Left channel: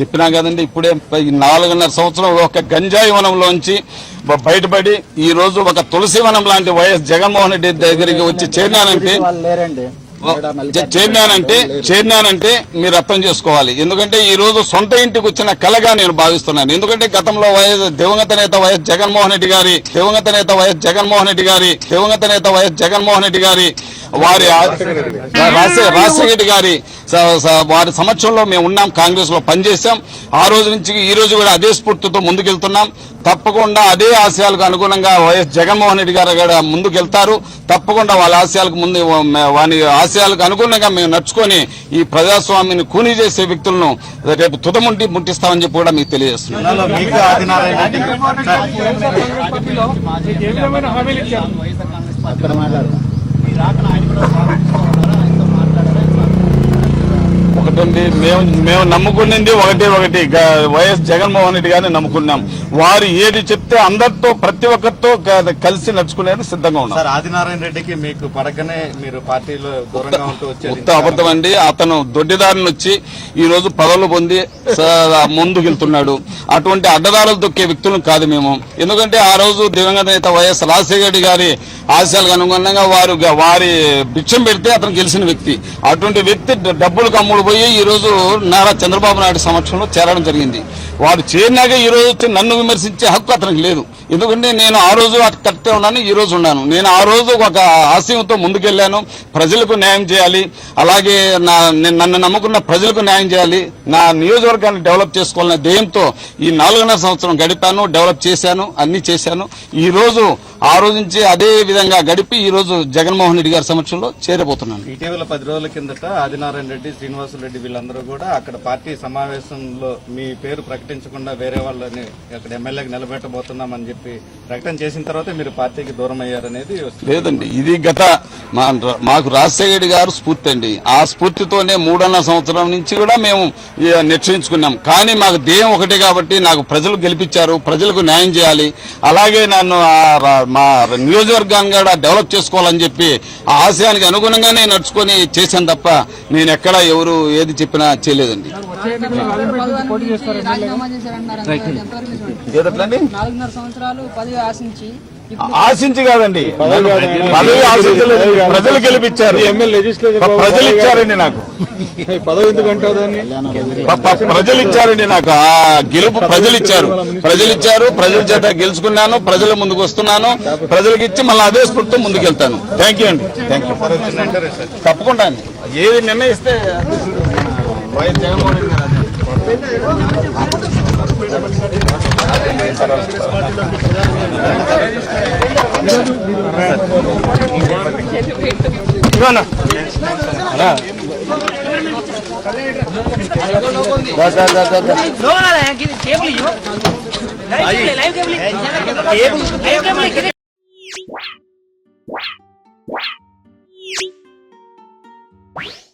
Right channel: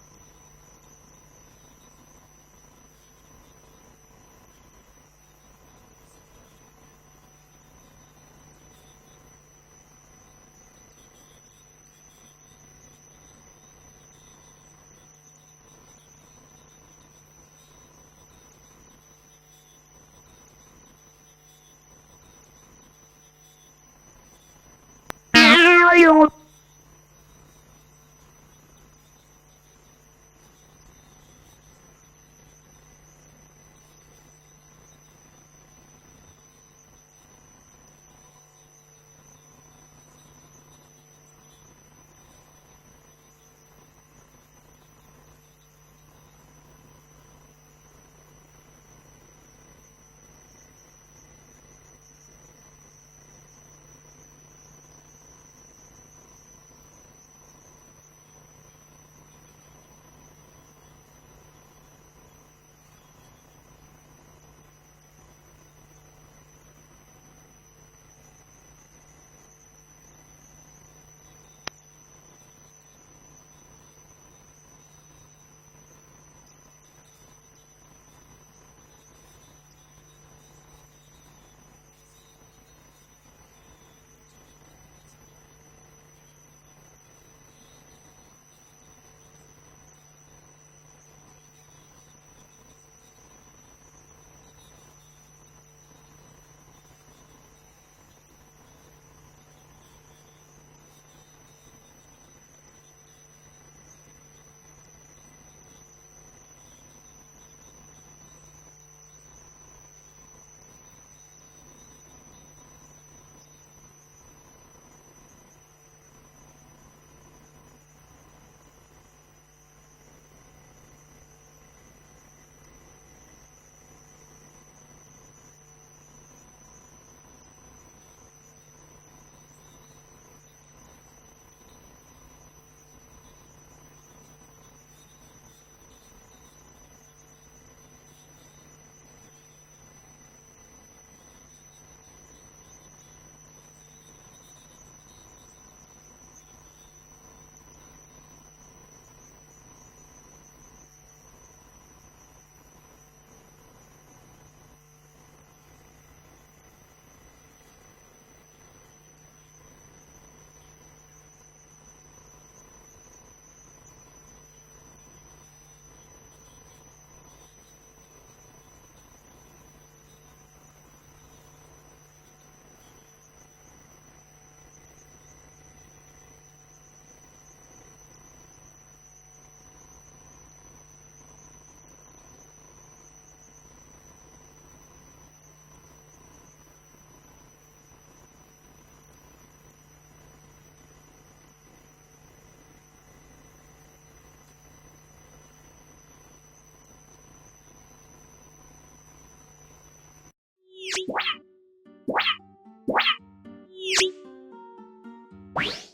చెప్పినా కదండి ఇప్పుడే నాలుగున్నర సంవత్సరం ఒక గంజాయి వనంలోంచి బయటపడి ఈ రోజు ఒక తులసి వనం లాంటి వైఎస్ జగన్మోహన్ రెడ్డి దగ్గరికి వచ్చి చేరినానంటే వాళ్ళు లేరండి చే- చేరినానంటే చేరినానంటే మీరు అర్థం చేసుకోవాలి. ఎందుకంటే ఈ రోజు సొంత ఇంటికి వచ్చిన కలగా నేను భావిస్తున్నాను. ఎందుకంటే గతంలో వైఎస్ దివంగత నేత వైఎస్ జగన్మోహన్ రెడ్డి గారి దివంగత నేత వైఎస్ జగన్మోహన్ రెడ్డి గారి దివంగత నేత వైఎస్ జగన్మోహన్ రెడ్డి గారి వారి రాజశేఖర రెడ్డి గారి వారి సమక్షంలో మేము ఉన్నాం. కాంగ్రెస్లో పనిచేశాం. ఆ రోజు నుంచి ఈ రోజు కూడా అదే స్ఫూర్తితో ముందుకెళ్తున్నాం. తప్పకుండా అదే ఆశయాలకు అనుగుణంగా వైఎస్ జగన్మోహన్ రెడ్డి గారు కూడా ముందుకెళ్తారు. తప్పకుండా వాళ్ళ ఆశయాలకు ముందు వాని ఆశయాలకు అనుగుణంగా మేము నడుచుకొని ఈ ప్రజాస్వామ్యాన్ని కూనీ చేసే వ్యక్తులను రేపు తుదముంటి ముట్టిస్తామని చెప్పి కూడా మీకు తెలియజేస్తున్నాం. ఒకటండి మేము మేము నమ్ముకున్నది ఒకటి ఒకటి. వైఎస్ జగన్మోహన్ రెడ్డి గారిని నమ్ముకున్నాం. వారు ఏది చెప్తే అందరితో ప్రతి ఒక్కరితో కలిసి నడుచుకునేది సిద్ధంగా ఉన్నాం. సార్ ఆదినారాయణ రెడ్డికి మీకు పడకనే మీరు పార్టీలో దూరంగా ఉంటూ వచ్చేది ఉత్త అబద్ధం అండి. అతను దొడ్డిదారిని వచ్చి ఈ రోజు పదవులు పొంది ముందుకెళ్తున్నాడు అటువంటి అడ్డదారులు దొక్కే వ్యక్తులను కాదు మేము. ఎందుకంటే ఆ రోజు దివంగత నేత వైఎస్ రాజశేఖర రెడ్డి గారి ఆశయాలకు అనుగుణంగా వారు వారి భిక్షం పెడితే అతను గెలిచిన వ్యక్తి. అటువంటి వ్యక్తి డబ్బులు కమ్ముడు పోయి ఈ రోజు నారా చంద్రబాబు నాయుడు సమక్షంలో చేరడం జరిగింది. వారు చేరినాక ఈ రోజు వచ్చి నన్ను విమర్శించే హక్కు అతనికి లేదు. ఎందుకంటే నేను ఆ రోజు అటు కరెక్టే ఉన్నాను ఈ రోజు ఉన్నాను. నేను ఆ రోజు ఒక ఆశయంతో ముందుకెళ్ళాను ప్రజలకు న్యాయం చేయాలి. అలాగే నా నన్ను నమ్ముకున్న ప్రజలకు న్యాయం చేయాలి. నా నియోజకవర్గాన్ని డెవలప్ చేసుకోవాలనే ధ్యేయంతో ఈ నాలుగున్నర సంవత్సరం గడిపాను డెవలప్ చేశాను అన్ని చేశాను. ఈ రోజు ఆ రోజు నుంచి అదే విధంగా గడిపి ఈ రోజు జగన్మోహన్ రెడ్డి గారి సమక్షంలో చేరబోతున్నాను. ఇటీవల పది రోజుల కిందట ఆదినారాయణ రెడ్డి శ్రీనివాసరెడ్డి రెడ్డి వీళ్ళందరూ కూడా అక్కడ పార్టీ సమావేశంలో మీ పేరు ప్రకటించకుండా వేరే వాళ్ళని అక్కడ ఎమ్మెల్యేకి నిలబెట్టబోతున్నామని చెప్పి ప్రకటన చేసిన తర్వాత మీరు పార్టీకి దూరం అయ్యారనేది లేదండి ఇది గత మా మాకు రాజశేఖర గారు స్ఫూర్తి అండి. ఆ స్ఫూర్తితోనే మూడున్నర సంవత్సరం నుంచి కూడా మేము ఈ, నిశ్చయించుకున్నాం కానీ మాకు దేయం ఒకటే కాబట్టి నాకు ప్రజలు గెలిపించారు ప్రజలకు న్యాయం చేయాలి. అలాగే నన్ను ఆ మా నియోజకవర్గాన్ని కూడా డెవలప్ చేసుకోవాలని చెప్పి ఆ ఆశయానికి అనుగుణంగానే నడుచుకొని చేశాను తప్ప నేను ఎక్కడ ఎవరు ఏది చెప్పినా చేయలేదండి. సంవత్సరాలు పది ఆశించి ఆశించి కాదండి. పదవి ఆశించలేదు. ప్రజలు గెలిపించారు. ప్రజలు ఇచ్చారండి నాకు. పదవి ప్రజలు ఇచ్చారండి నాకు. ఆ గెలుపు ప్రజలు ఇచ్చారు. ప్రజలు ఇచ్చారు. ప్రజల చేత గెలుచుకున్నాను. ప్రజల ముందుకు వస్తున్నాను. ప్రజలకు ఇచ్చి మళ్ళీ అదే స్ఫూర్తితో ముందుకు వెళ్తాను థ్యాంక్ యూ అండి. థ్యాంక్ యూ తప్పకుండా అండి. ఏది నిర్ణయిస్తే వైఎస్ జగన్మోహన్ రెడ్డి What?